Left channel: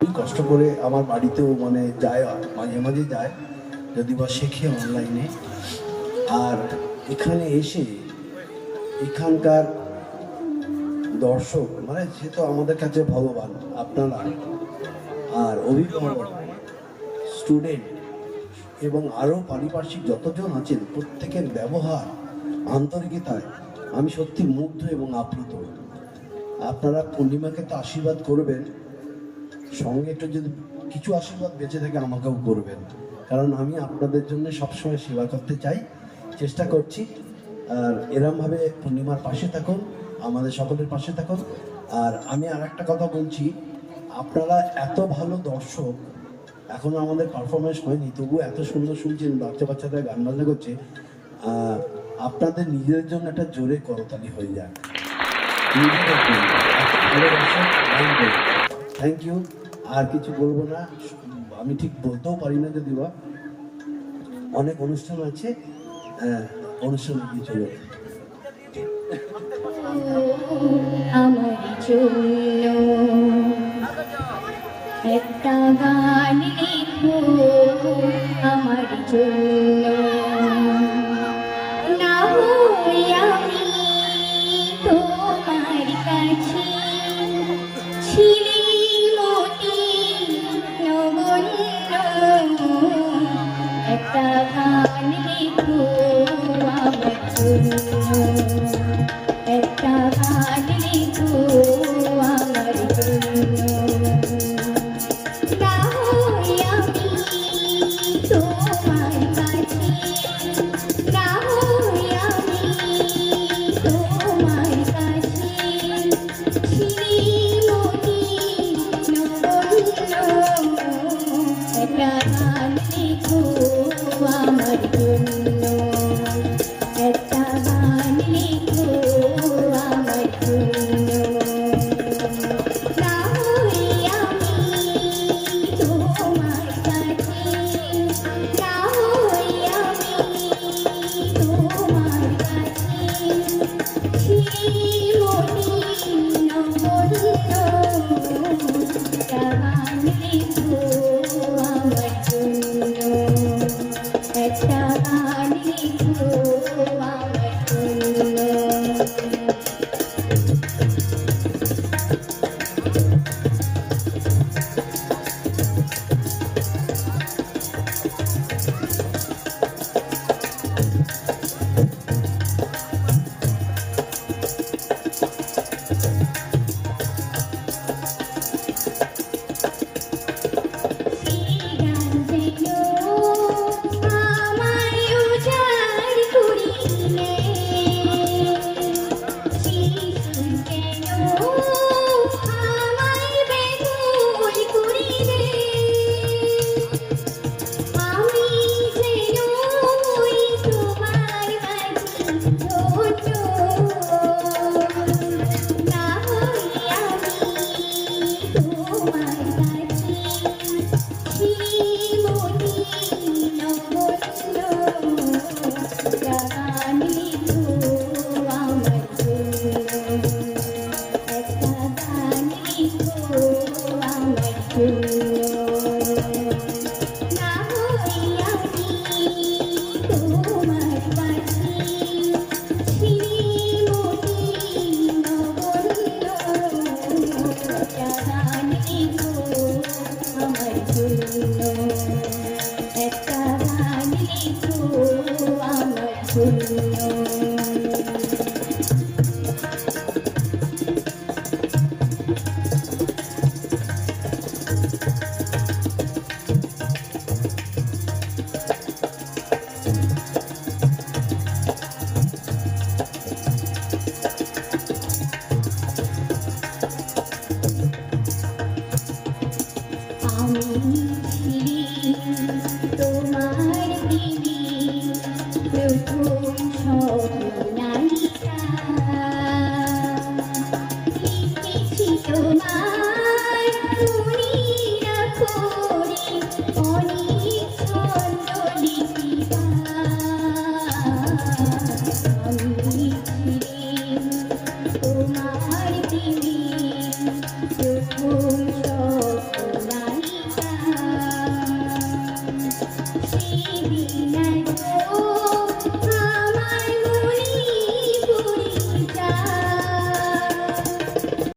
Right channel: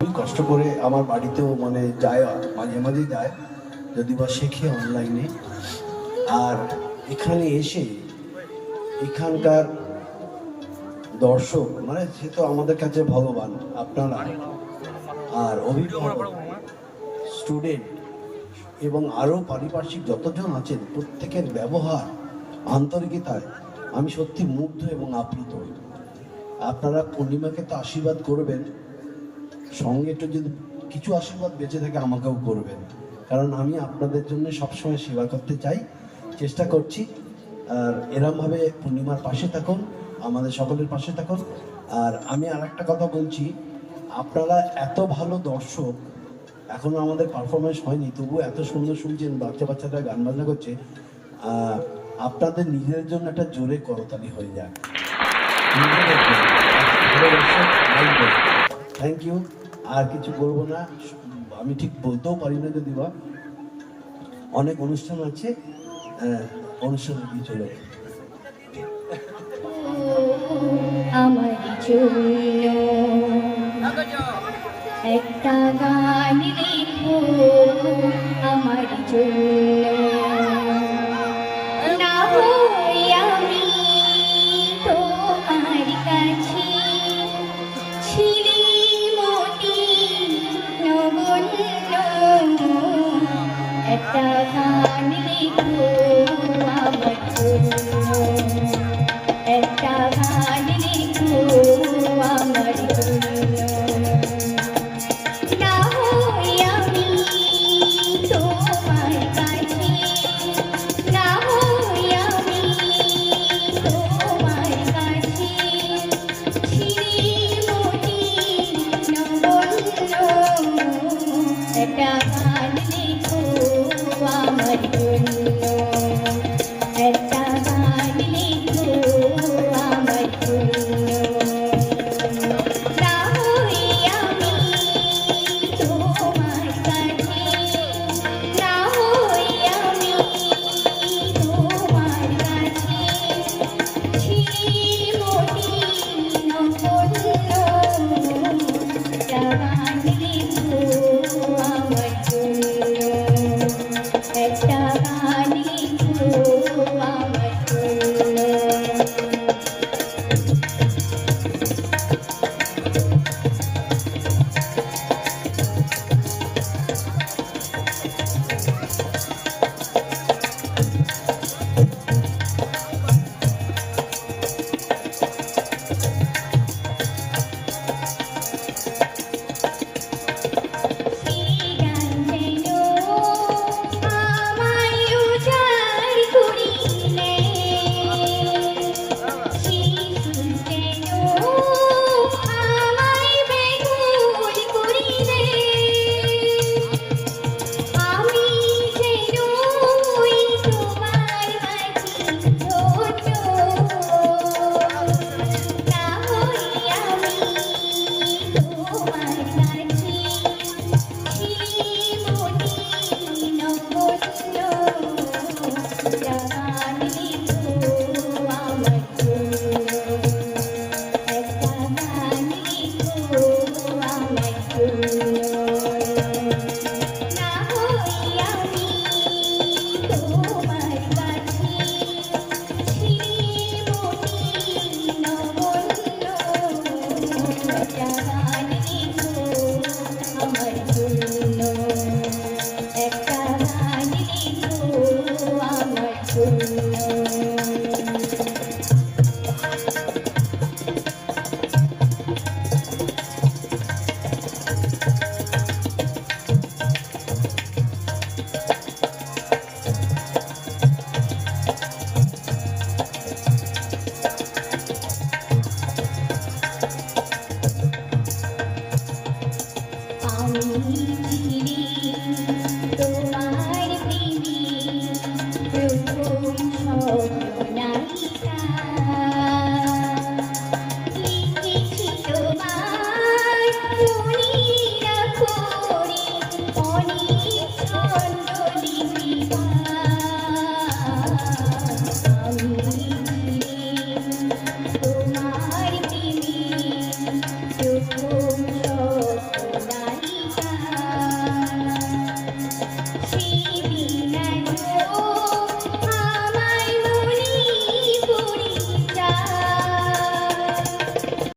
খুবই কষ্ট করে আমার বাড়িতেও মানে যায়, মাঝে মাঝে যায়, যদি বা শেখে অনলাইনে। আর এখানে এসে এখানকার দর্শক মানে সে তো আমাদের কাছে ভগবান, আপনারা আর অভিভাবক, স্টুডেন্ট এবং আরও পারিপার্শ্বিক যতজন আছেন, প্রত্যেকের ব্যবহার, আন্তরিকতায় আমি সত্যি মুগ্ধ এবং আপ্লুত। আপনারা পূর্ণিমাকে তো আশীর্বাদ করবেন, সঙ্গে একটু যদি কিছু আশীর্বাদ বেঁচে থাকে আমাকেও করবেন, কারণ আমি আপনাদের জন্য সবসময় সেবা করতে চাই, চেষ্টা করছি। আর এরমভাবে পূর্ণিমার পাশে থাকুন, আমাদের সকলের পাশে থাকুন। আর আমি আর একটা কথা বলছি, আপনারা এত ভালো দর্শক, এখন আমাদের পারফরমেন্স হয়নি, তবু এত সুন্দর শুনছেন, বাচ্চারা গান বাজনা করছে, আপনাদের নিজেদের জন্য একটা জোরে করতালি হয়ে যায়। Thank you. আর কিছু বলবো না, আমি ঠিক বলতেও পারি না, যদি বা অনেক অনুষ্ঠান আছে, অনুষ্ঠান কিছু আমার কিছু